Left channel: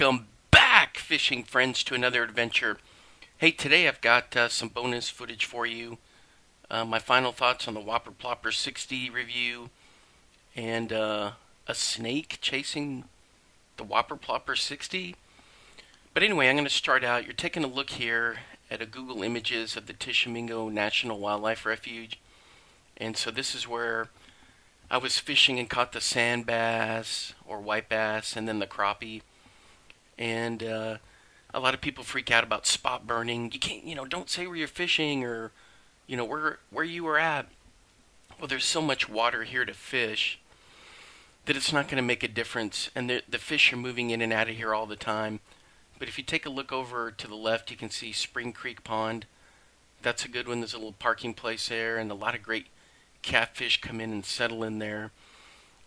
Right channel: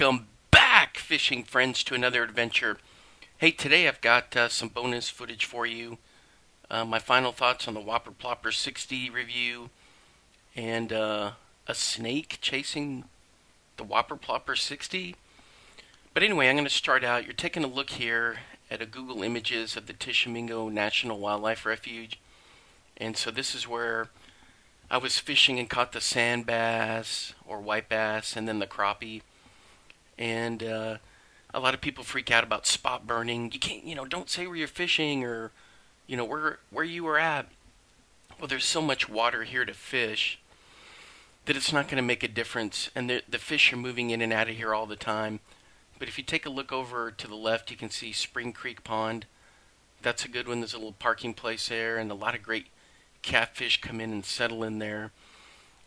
Welcome back, fishing friends, to another adventure. Hey, today I've got some bonus footage for you. My final thoughts on the Whopper Plopper 60 review, and a snake chasing the Whopper Plopper 60. But anyway, I'm going to start out. You're taking a look here at a Google Images of the Tishomingo National Wildlife Refuge. And so this is where I was fishing and caught the sand bass or white bass and then the crappie. And a lot of people freak out about spot burning. You can't, don't say where you're fishing or, where you were at. Well, there's so much water here to fish that it's not going to make a difference. And the fish are moving in and out of here all the time. But if you take a look over to the left, you can see Spring Creek Pond. That's a good one. There's a little parking place there, and a lot of great catfish come in and settle in there.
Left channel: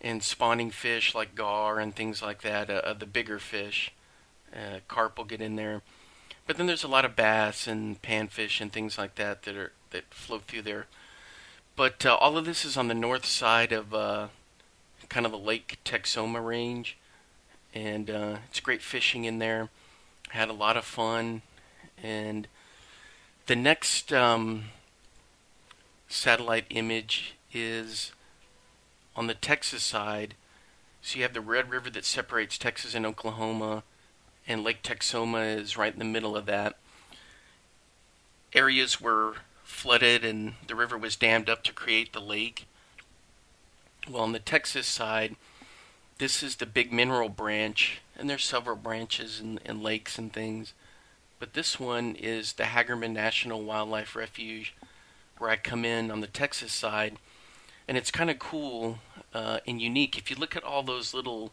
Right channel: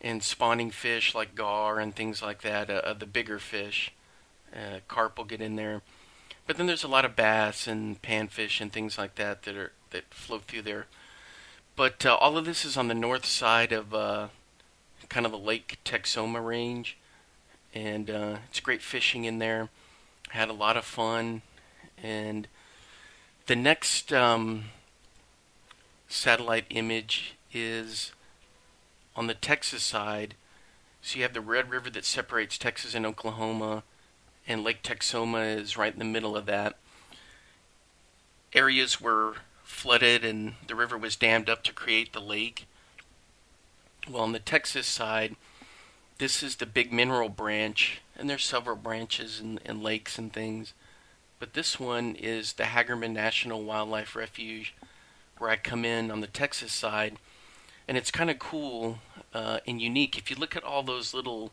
And spawning fish like gar and things like that, the bigger fish. Carp will get in there. But then there's a lot of bass and panfish and things like that that float through there. But all of this is on the north side of kind of the Lake Texoma range. And it's great fishing in there. Had a lot of fun. And the next satellite image is on the Texas side. So you have the Red River that separates Texas and Oklahoma, and Lake Texoma is right in the middle of that. Areas were flooded and the river was dammed up to create the lake. Well, on the Texas side, this is the Big Mineral Branch, and there's several branches and lakes and things. But this one is the Hagerman National Wildlife Refuge, where I come in on the Texas side. And it's kind of cool and unique. If you look at all those little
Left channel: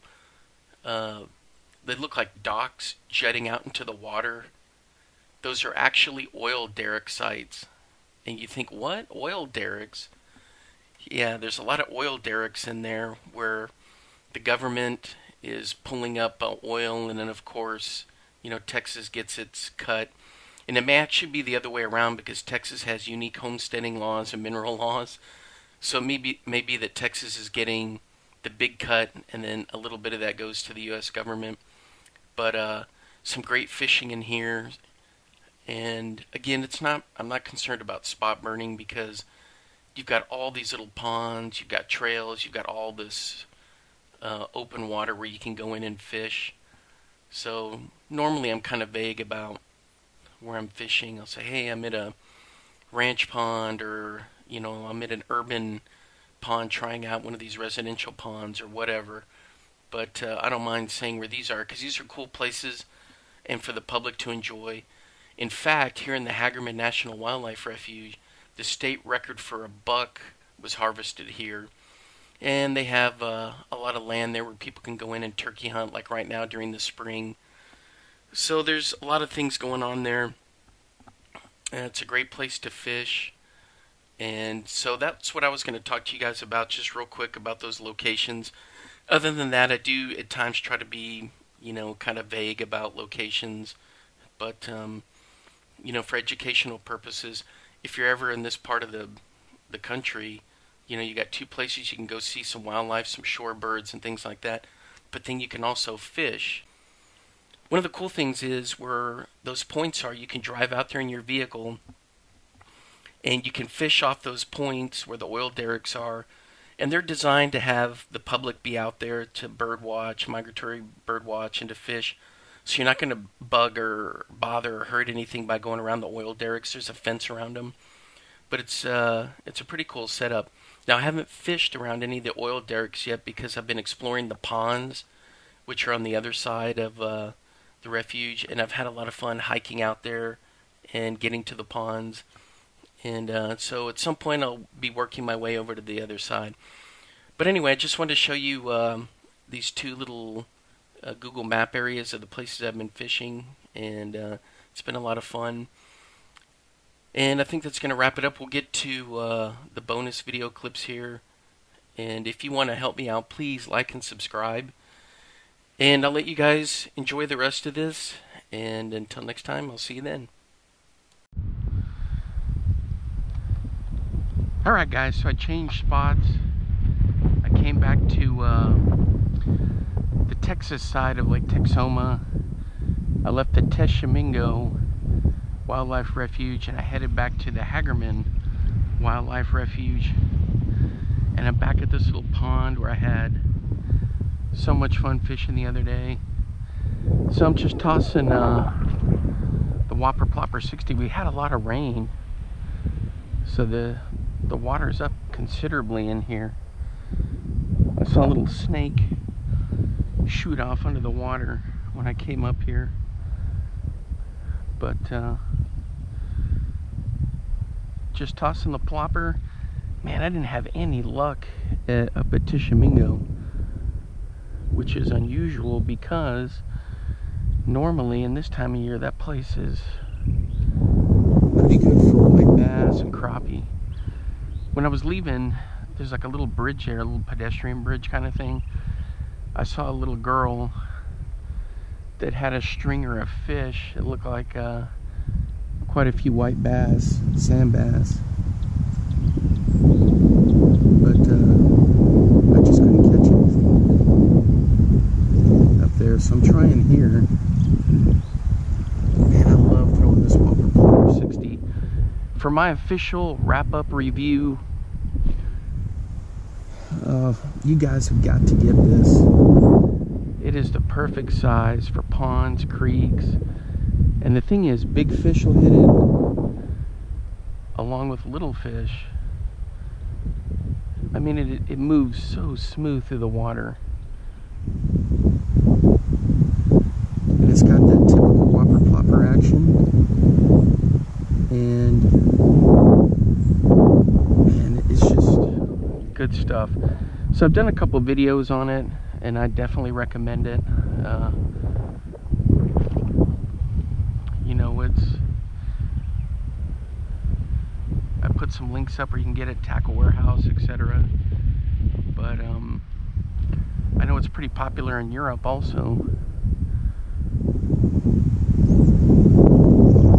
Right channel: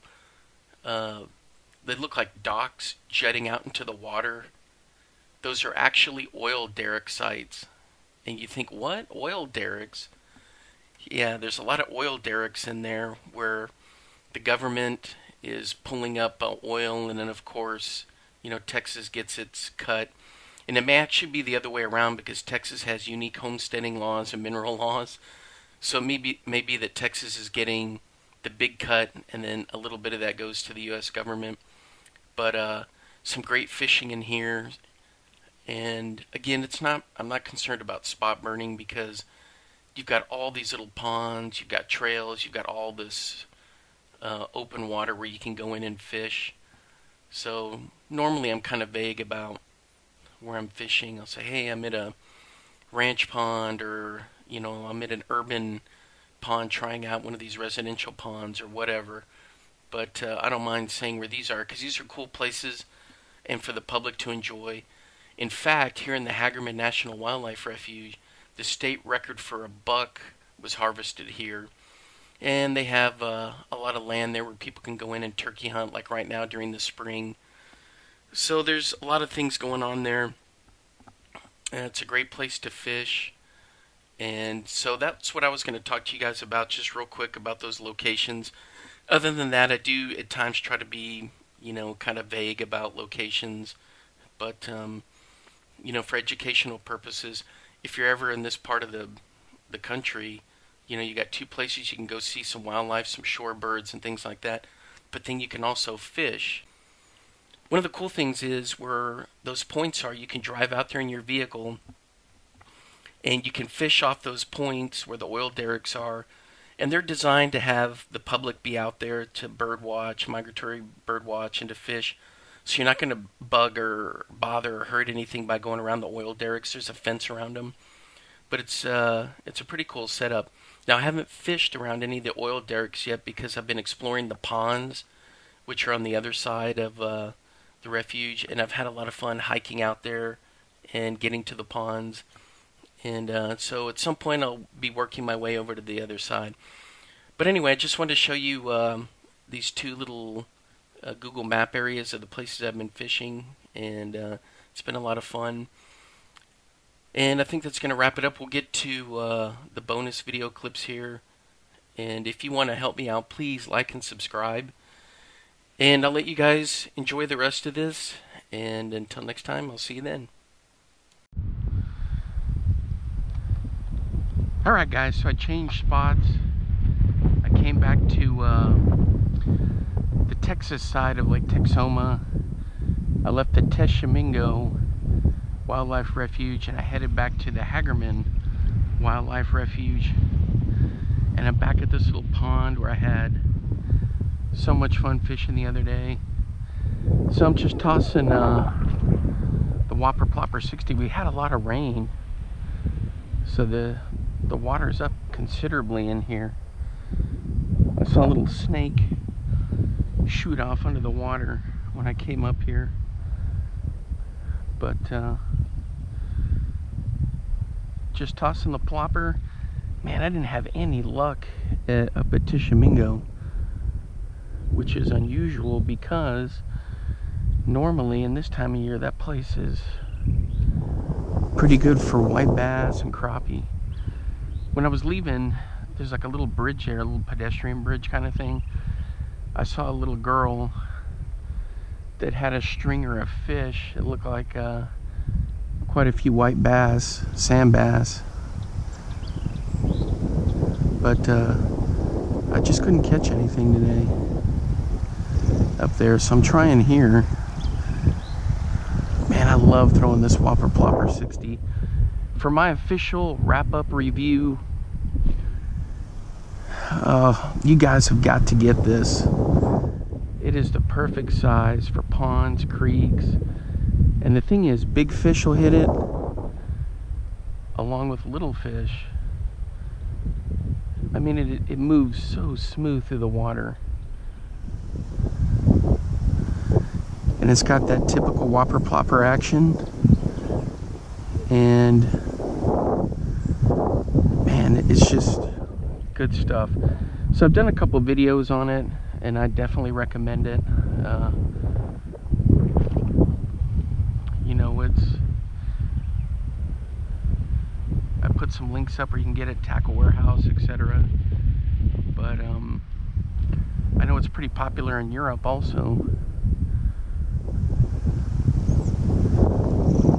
they look like docks jetting out into the water. Those are actually oil derrick sites. And you think, what? Oil derricks? Yeah, there's a lot of oil derricks in there where the government is pulling up oil, and then of course, Texas gets its cut. And it may actually be the other way around, because Texas has unique homesteading laws and mineral laws. So maybe that Texas is getting the big cut, and then a little bit of that goes to the U.S. government. But some great fishing in here. And again, I'm not concerned about spot burning, because you've got all these little ponds, you've got trails, you've got all this open water where you can go in and fish. So normally I'm kind of vague about where I'm fishing. I'll say, hey, I'm at a ranch pond, or I'm at an urban pond trying out one of these residential ponds or whatever. But I don't mind saying where these are, because these are cool places and for the public to enjoy. In fact, here in the Hagerman National Wildlife Refuge, the state record for a buck was harvested here. And they have a lot of land there where people can go in and turkey hunt, like right now during the spring. So there's a lot of things going on there. And it's a great place to fish. And so that's what I was going to talk to you guys about, just real quick, about those locations. Other than that, I do at times try to be, kind of vague about locations. But, for educational purposes, if you're ever in this part of the country, you got two places you can go see some wildlife, some shorebirds and things like that. But then you can also fish. One of the cool things is where those points are, you can drive out there in your vehicle and you can fish off those points where the oil derricks are. And they're designed to have the public be out there to bird watch, migratory bird watch, and to fish. So you're not going to bug or bother or hurt anything by going around the oil derricks. There's a fence around them. But it's a pretty cool setup. Now, I haven't fished around any of the oil derricks yet, because I've been exploring the ponds, which are on the other side of the refuge. And I've had a lot of fun hiking out there and getting to the ponds. And so at some point I'll be working my way over to the other side. But anyway, I just wanted to show you these two little Google map areas of the places I've been fishing. And it's been a lot of fun. And I think that's going to wrap it up. We'll get to the bonus video clips here. And if you want to help me out, please like and subscribe. And I'll let you guys enjoy the rest of this. And until next time, I'll see you then. Alright guys, so I changed spots. I came back to the Texas side of Lake Texoma, I left the Teshamingo Wildlife Refuge and I headed back to the Hagerman Wildlife Refuge. And I'm back at this little pond where I had so much fun fishing the other day. So I'm just tossing the Whopper Plopper 60. We had a lot of rain, so the water's up considerably in here. I saw a little snake shoot off under the water when I came up here, but just tossing the plopper. Man, I didn't have any luck up at Tishomingo, which is unusual because normally in this time of year that place is pretty good for white bass and crappie. When I was leaving, there's like a little bridge there, a little pedestrian bridge kind of thing. I saw a little girl that had a stringer of fish. It looked like quite a few white bass, sand bass. But I just couldn't catch anything today up there, so I'm trying here. Man, I love throwing this Whopper Plopper 60. For my official wrap-up review, you guys have got to get this. It is the perfect size for ponds, creeks, and the thing is, big fish will hit it along with little fish. I mean, it moves so smooth through the water. And it's got that typical Whopper Plopper action. And man, it's just good stuff. So I've done a couple videos on it, and I definitely recommend it. You know, I put some links up where you can get it, Tackle Warehouse, etc. But I know it's pretty popular in Europe also.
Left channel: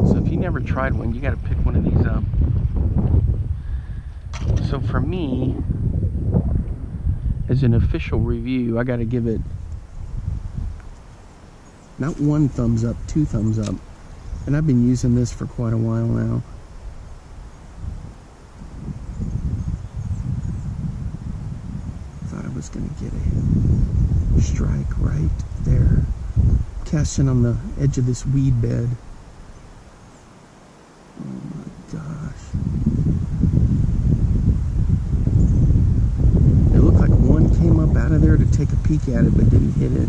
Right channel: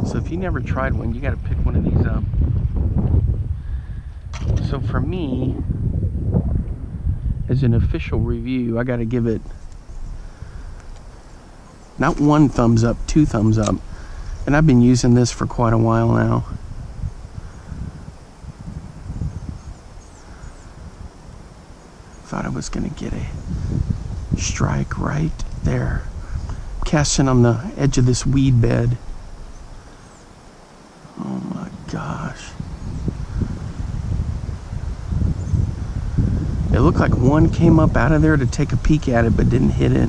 So if you never tried one, you got to pick one of these up. So for me, as an official review, I got to give it not 1 thumbs up, 2 thumbs up. And I've been using this for quite a while now. Thought I was going to get a strike right there. Casting on the edge of this weed bed. Oh my gosh. It looked like one came up out of there to take a peek at it, but didn't hit it.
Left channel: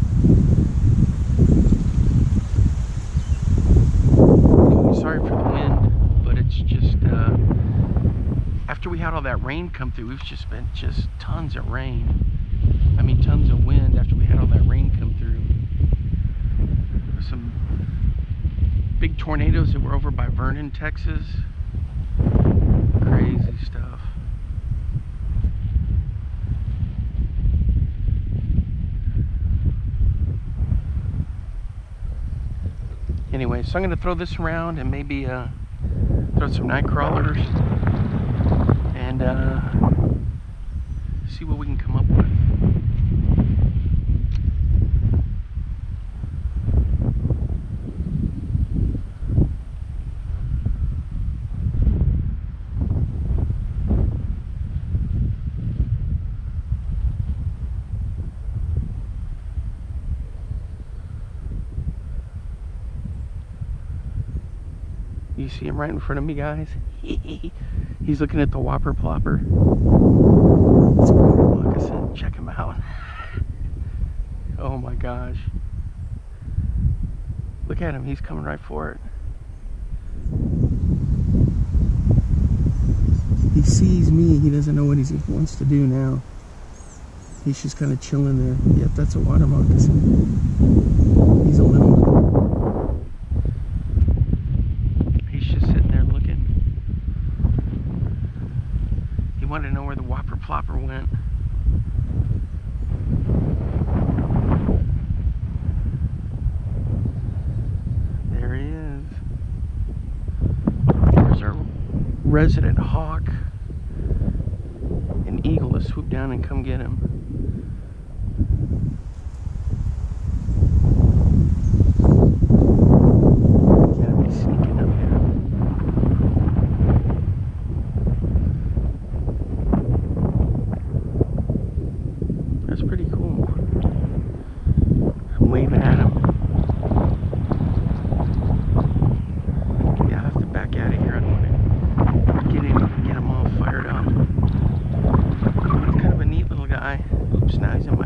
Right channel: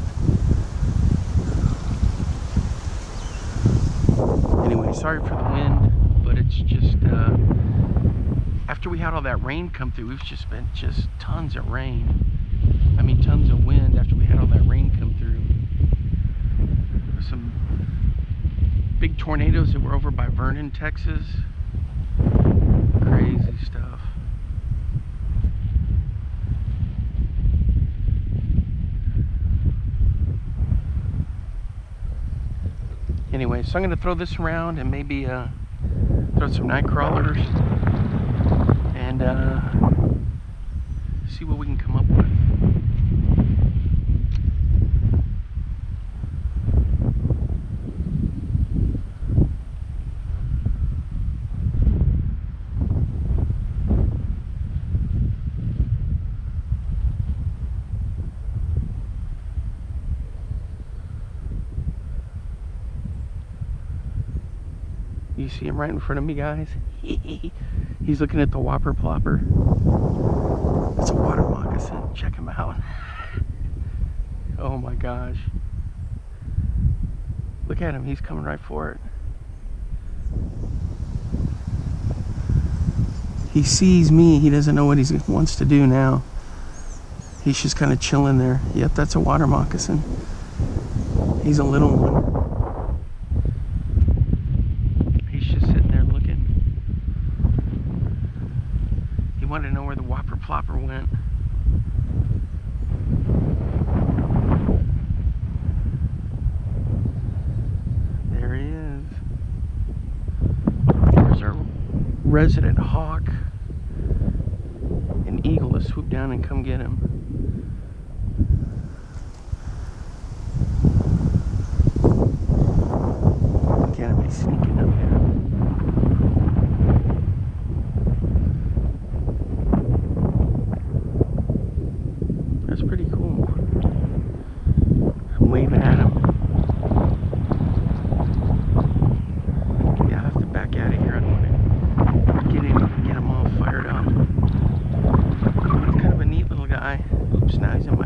Anyway, sorry for the wind, but it's just, after we had all that rain come through, we've just been tons of rain. I mean, tons of wind after we had all that rain come through. There were some big tornadoes that were over by Vernon, Texas. Crazy stuff. Anyway, so I'm going to throw this around and maybe throw some night crawlers and see what we can come up with. You see him right in front of me, guys? He's looking at the Whopper Plopper. It's a Water Moccasin. Check him out. Oh my gosh. Look at him. He's coming right for it. He sees me. He doesn't know what he wants to do now. He's just kind of chilling there. Yep, that's a Water Moccasin. He's a little one. Wanted to know where the Whopper Plopper went. There he is. There's our resident hawk. An eagle to swoop down and come get him.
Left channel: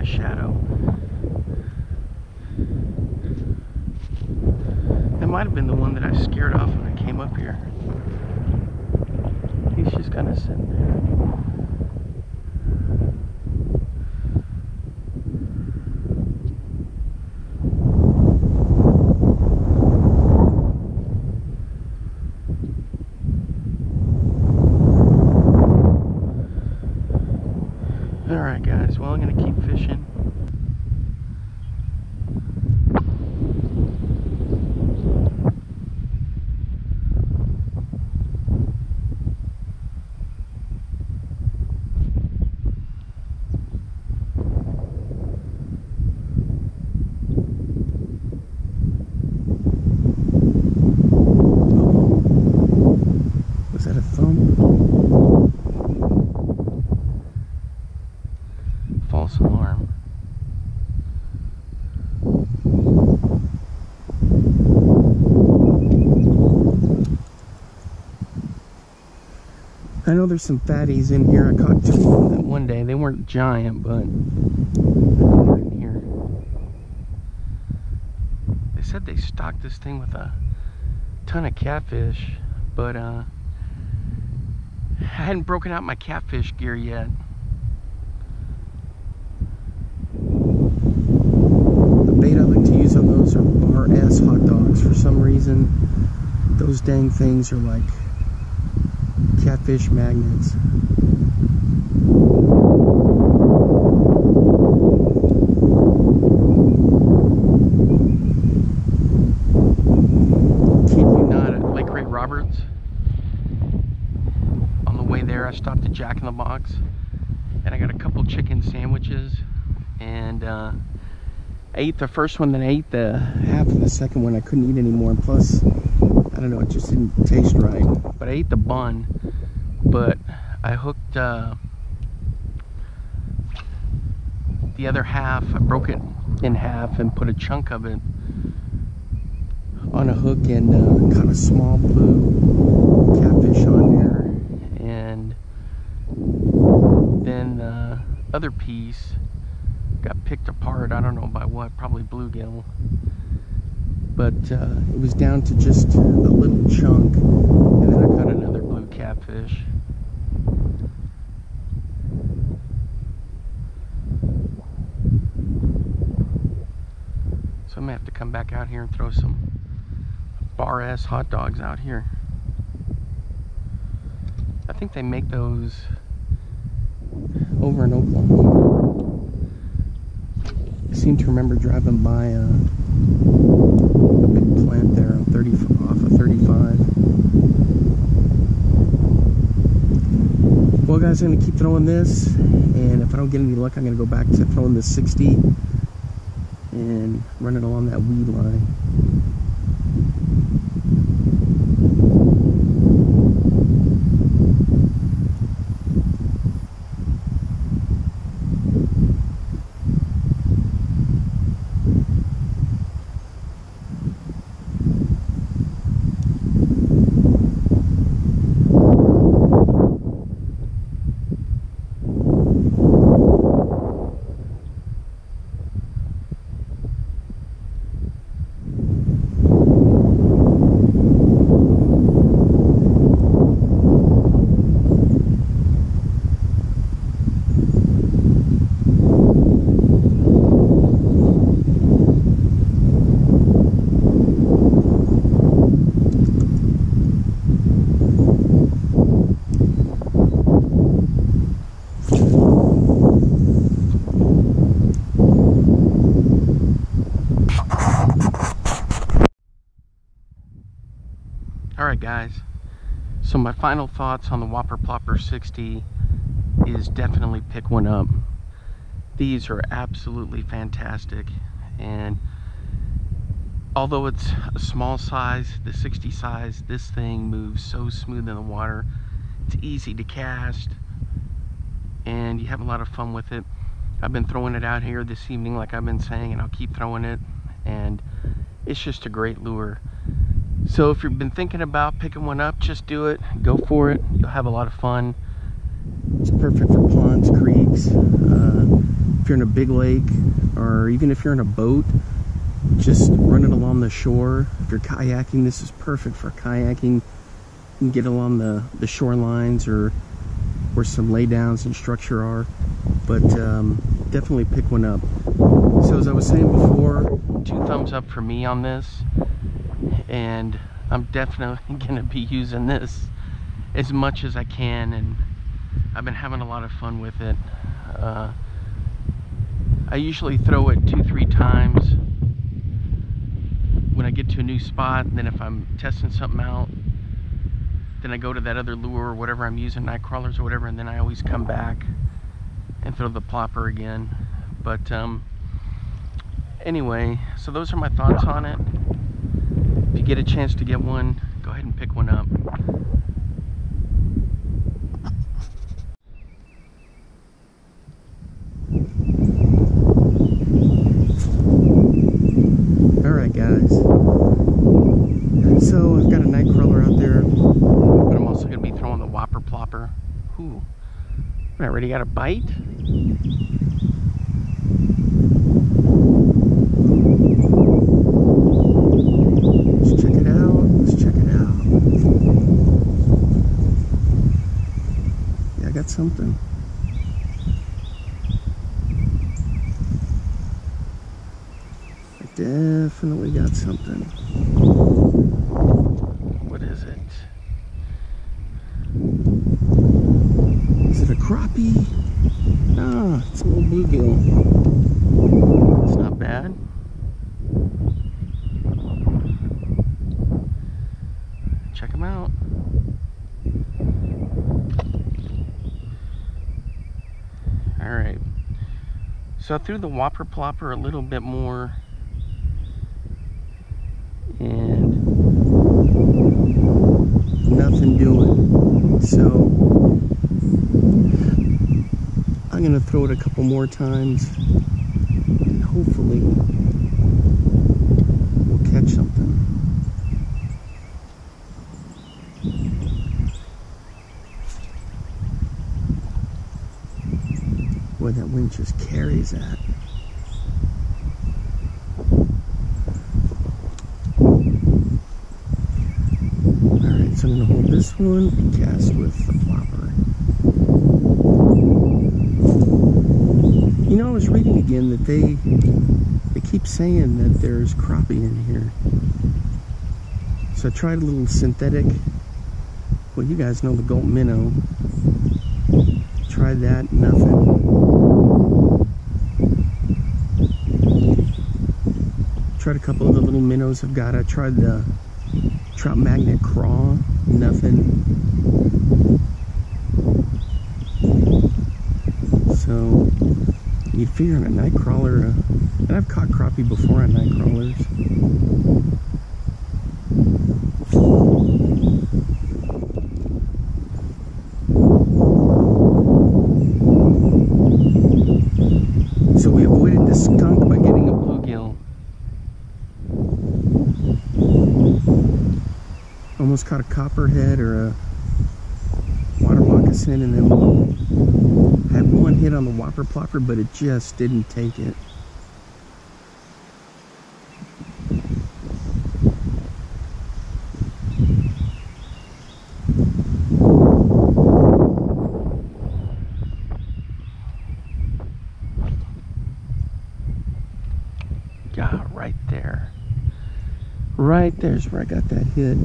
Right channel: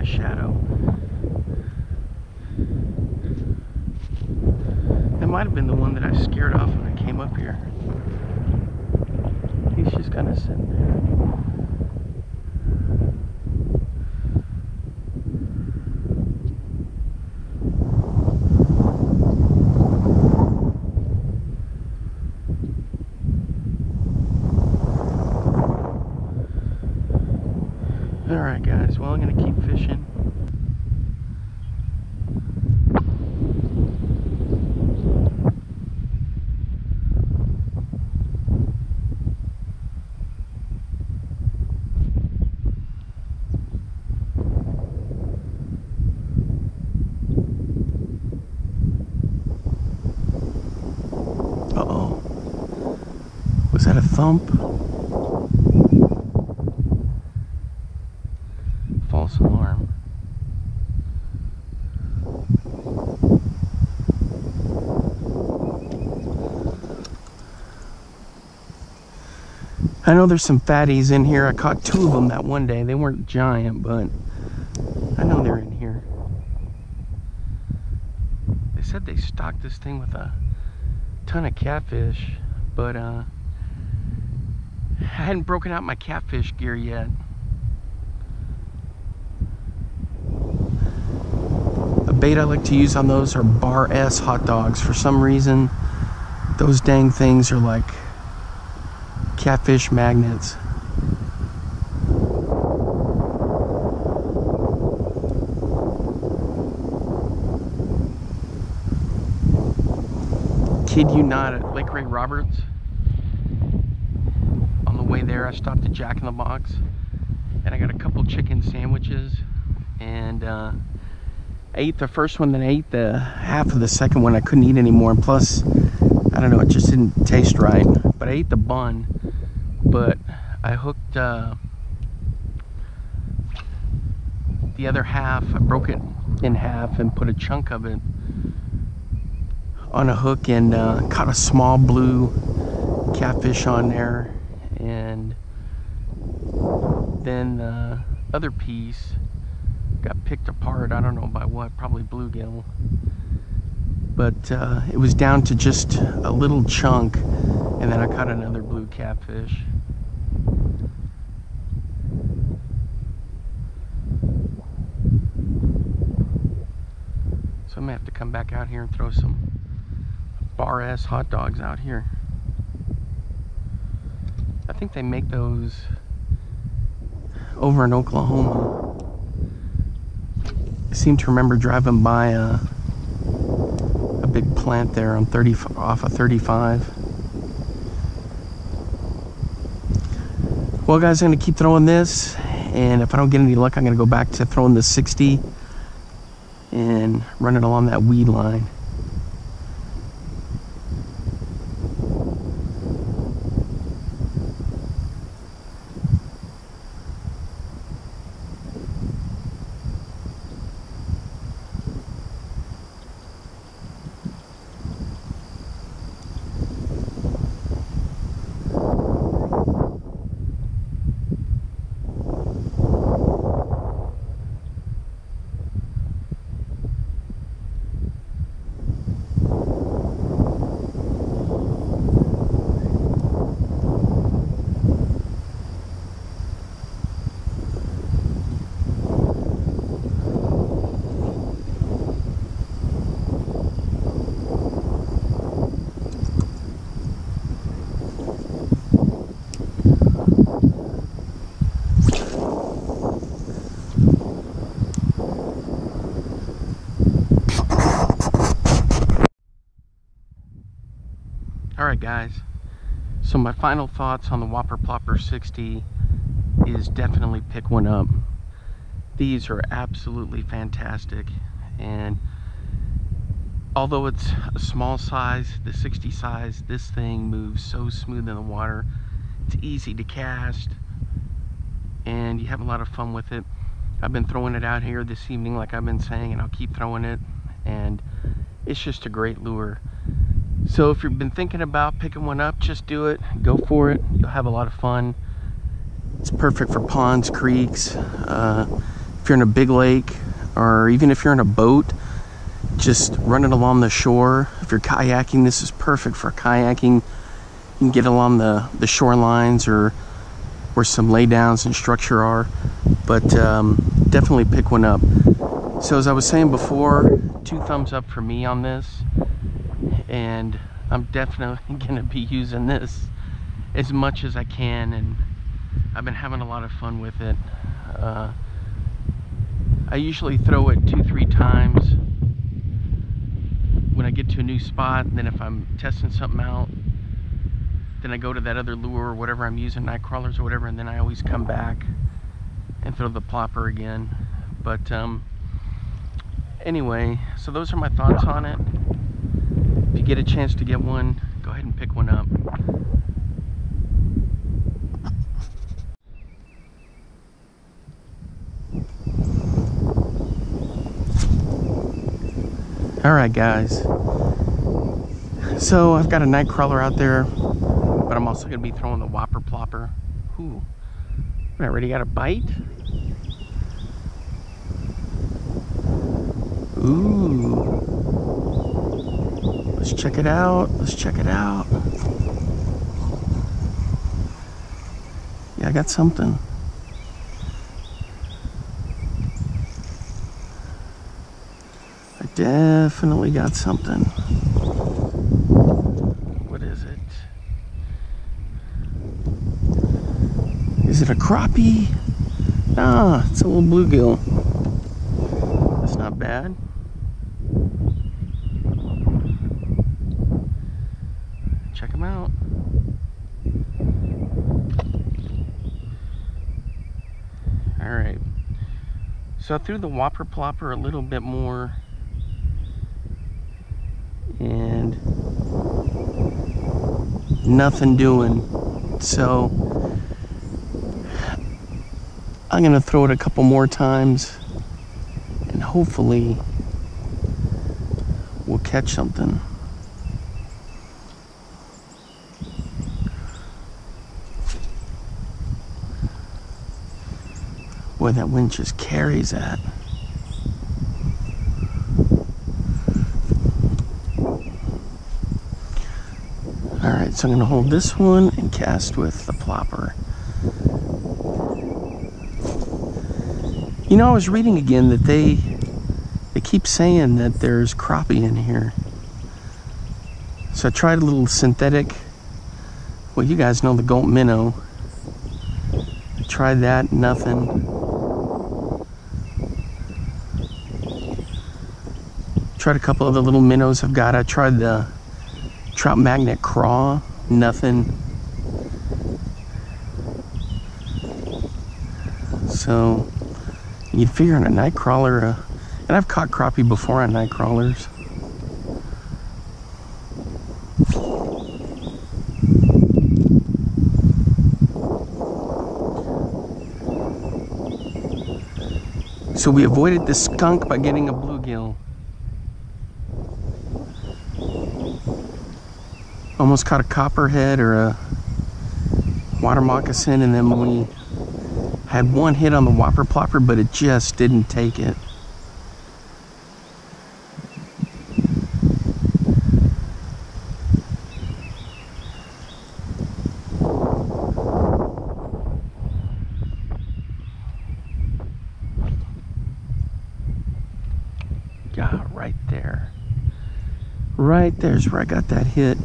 shadow. That might have been the one that I scared off when I came up here. He's just kind of sitting there. Alright guys, well I'm going to keep fishing. Uh-oh. Was that a thump? False alarm. I know there's some fatties in here. I caught 2 of them that one day. They weren't giant, but I know they're in here. They said they stocked this thing with a ton of catfish, but I hadn't broken out my catfish gear yet. A bait I like to use on those are Bar S hot dogs. For some reason, those dang things are like catfish magnets. Kid you not, at Lake Ray Roberts, on the way there I stopped at Jack in the Box and I got a couple chicken sandwiches, and I ate the first one, then I ate the half of the second one. I couldn't eat anymore, and plus I don't know, it just didn't taste right. But I ate the bun, but I hooked the other half. I broke it in half and put a chunk of it on a hook and caught a small blue catfish on there. And then the other piece got picked apart. I don't know by what, probably bluegill. But it was down to just a little chunk, and then I caught another blue catfish. So I'm gonna have to come back out here and throw some Bar S hot dogs out here. I think they make those over in Oklahoma. I seem to remember driving by a big plant there on off of 35. Well guys, I'm gonna keep throwing this, and if I don't get any luck, I'm gonna go back to throwing the 60 and run it along that weed line. Alright guys, so my final thoughts on the Whopper Plopper 60 is definitely pick one up. These are absolutely fantastic, and although it's a small size, the 60 size, this thing moves so smooth in the water. It's easy to cast, and you have a lot of fun with it. I've been throwing it out here this evening like I've been saying, and I'll keep throwing it, and it's just a great lure. So if you've been thinking about picking one up, just do it. Go for it. You'll have a lot of fun. It's perfect for ponds, creeks, if you're in a big lake, or even if you're in a boat, just run it along the shore. If you're kayaking, this is perfect for kayaking. You can get along the shorelines or where some laydowns and structure are, but definitely pick one up. So as I was saying before, 2 thumbs up for me on this, and I'm definitely gonna be using this as much as I can, and I've been having a lot of fun with it. I usually throw it 2-3 times when I get to a new spot, and then if I'm testing something out, then I go to that other lure or whatever I'm using, night crawlers or whatever, and then I always come back and throw the plopper again. But anyway, so those are my thoughts on it. If you get a chance to get one, go ahead and pick one up. Alright guys, so I've got a night crawler out there, but I'm also going to be throwing the Whopper Plopper. Ooh, I already got a bite? Ooh, let's check it out, let's check it out. Yeah, I got something. I definitely got something. What is it? Is it a crappie? Ah, it's a little bluegill. That's not bad. Check them out. Alright. So I threw the Whopper Plopper a little bit more, and nothing doing. So I'm gonna throw it a couple more times, and hopefully we'll catch something. Boy, that wind just carries that. Alright, so I'm going to hold this one and cast with the plopper. You know, I was reading again that they keep saying that there's crappie in here. So I tried a little synthetic. Well, you guys know the Gulp minnow. Tried that, nothing. Tried a couple of the little minnows I've got. I tried the trout magnet craw, nothing. So you'd figure on a night crawler, and I've caught crappie before on night crawlers. So we avoided the skunk by getting a bluegill. Almost caught a copperhead or a water moccasin, and then we had one hit on the Whopper Plopper, but it just didn't take it. God, right there. Right there's where I got that hit.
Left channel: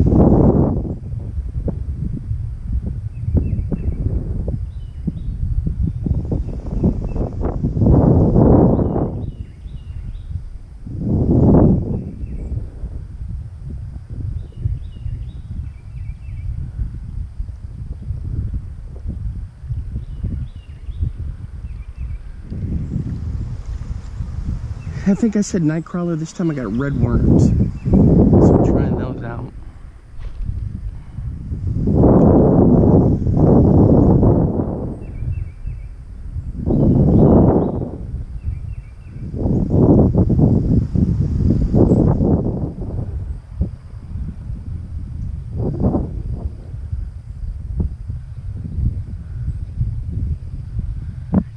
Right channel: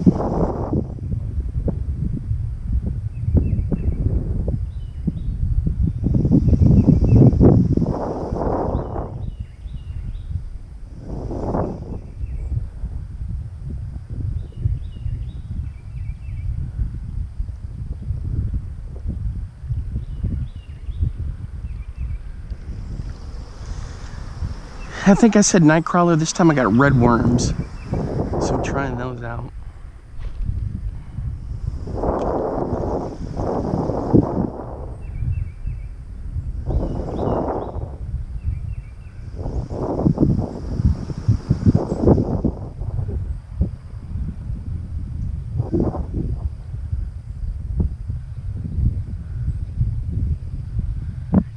I think I said night crawler. This time I got red worms. So I'm trying those out.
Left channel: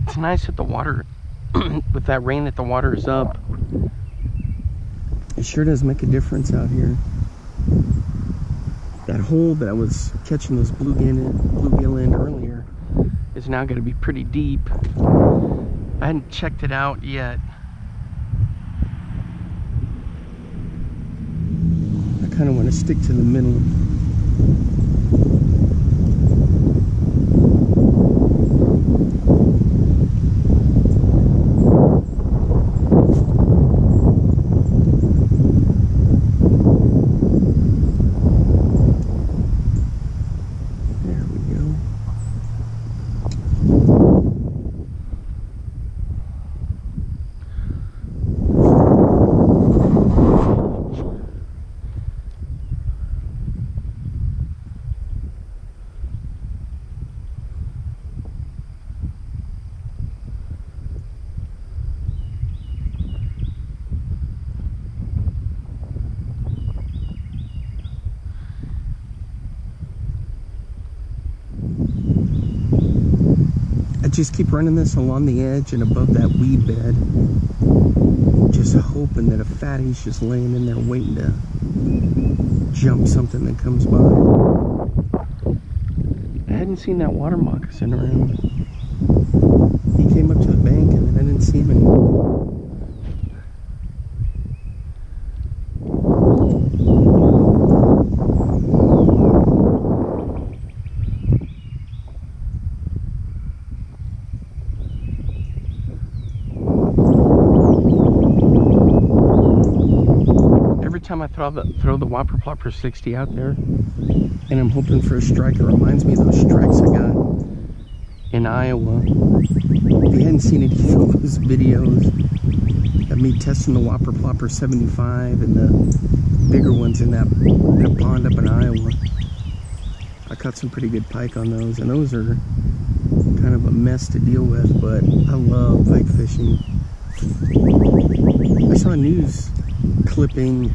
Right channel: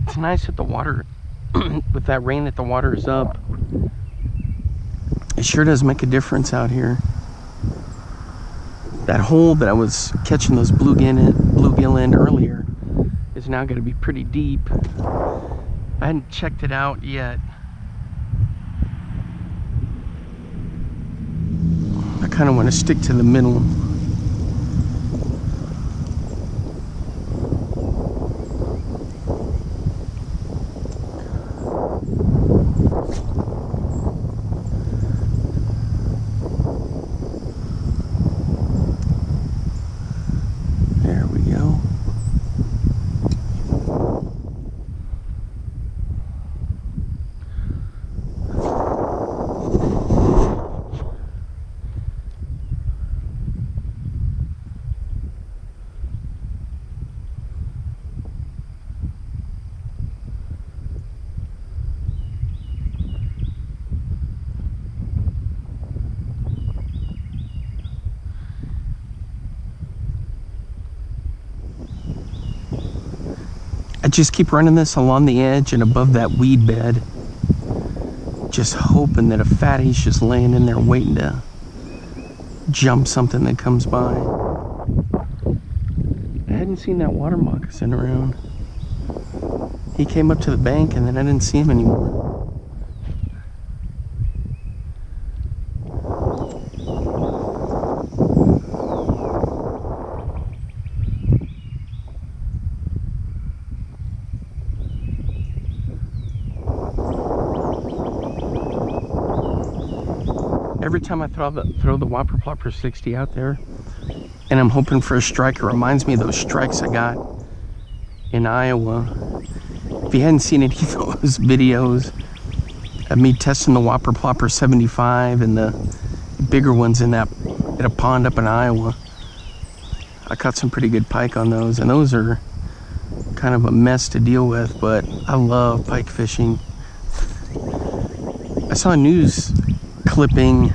It's nice that the water with that rain that the water is up, it sure does make a difference out here. That hole that I was catching those bluegill in earlier is now going to be pretty deep. I hadn't checked it out yet. I kind of want to stick to the middle. There we go. I just keep running this along the edge and above that weed bed, just hoping that a fatty's just laying in there waiting to jump something that comes by. I hadn't seen that water moccasin around. He came up to the bank and then I didn't see him anymore. Every time I throw the Whopper Plopper 60 out there and I'm hoping for a strike, it reminds me of those strikes I got in Iowa. If you hadn't seen any of those videos of me testing the Whopper Plopper 75 and the bigger ones in a pond up in Iowa, I caught some pretty good pike on those, and those are kind of a mess to deal with, but I love pike fishing. I saw a news clipping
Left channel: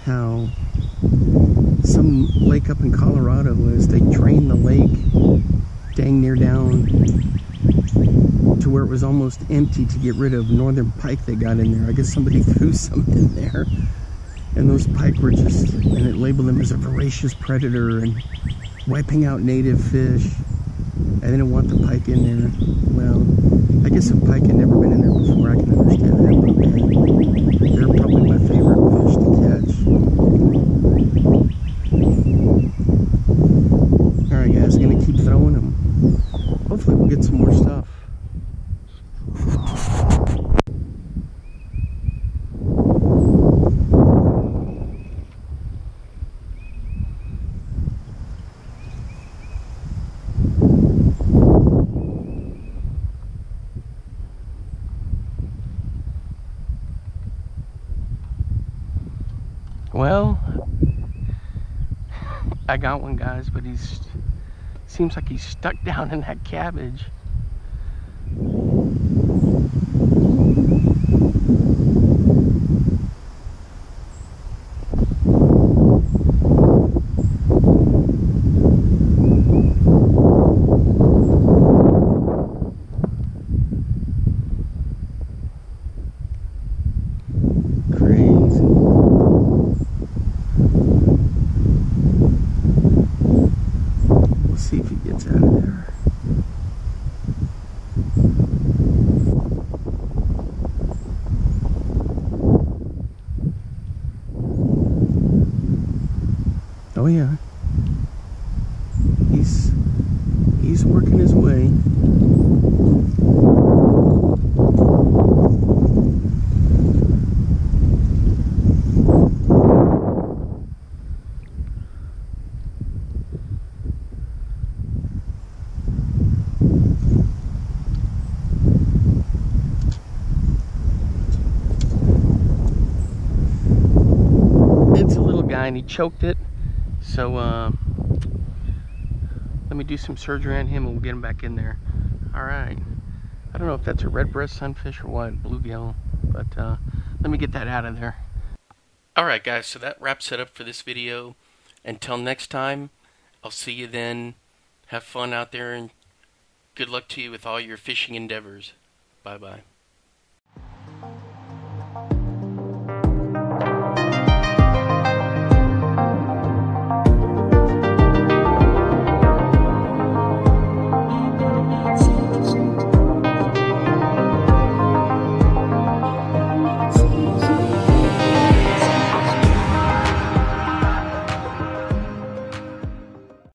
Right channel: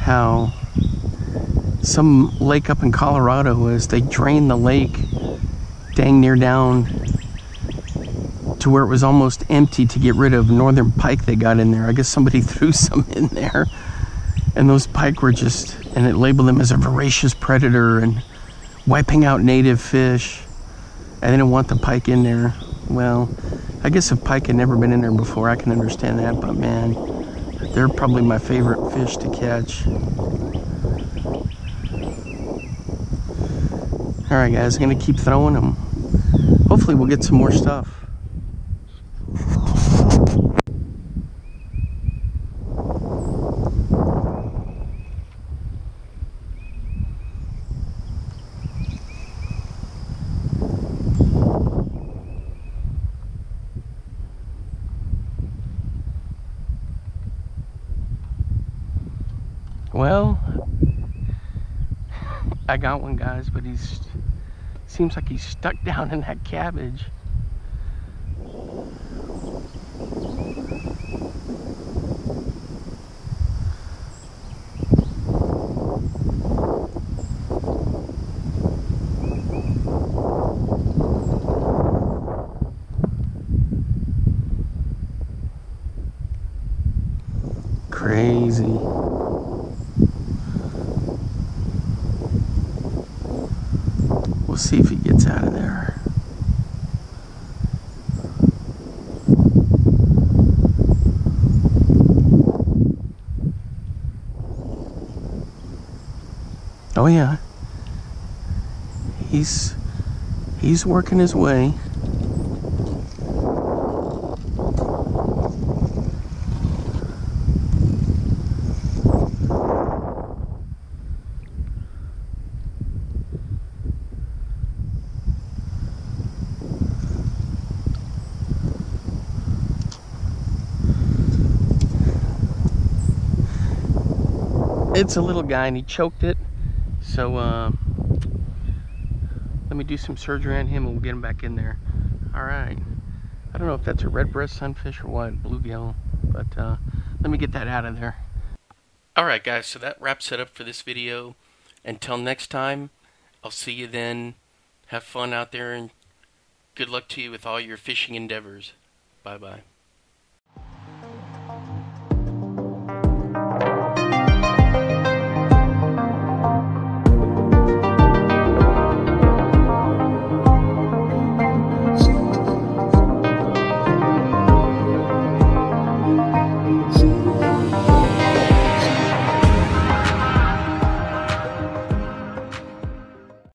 how some lake up in Colorado, as they drained the lake dang near down to where it was almost empty to get rid of northern pike they got in there. I guess somebody threw some in there, and those pike were just, and it labeled them as a voracious predator and wiping out native fish. I didn't want the pike in there. Well, I guess if pike had never been in there before, I can understand that, but man, they're probably my favorite fish to catch. Alright guys, I'm going to keep throwing them. Hopefully we'll get some more stuff. Well, I got one, guys, but seems like he's stuck down in that cabbage. Crazy. We'll see if he gets out of there. Oh yeah, he's working his way. It's a little guy and he choked it. So let me do some surgery on him and we'll get him back in there. Alright. I don't know if that's a red breast sunfish or what, bluegill, but let me get that out of there. Alright guys, so that wraps it up for this video. Until next time, I'll see you then. Have fun out there and good luck to you with all your fishing endeavors. Bye bye.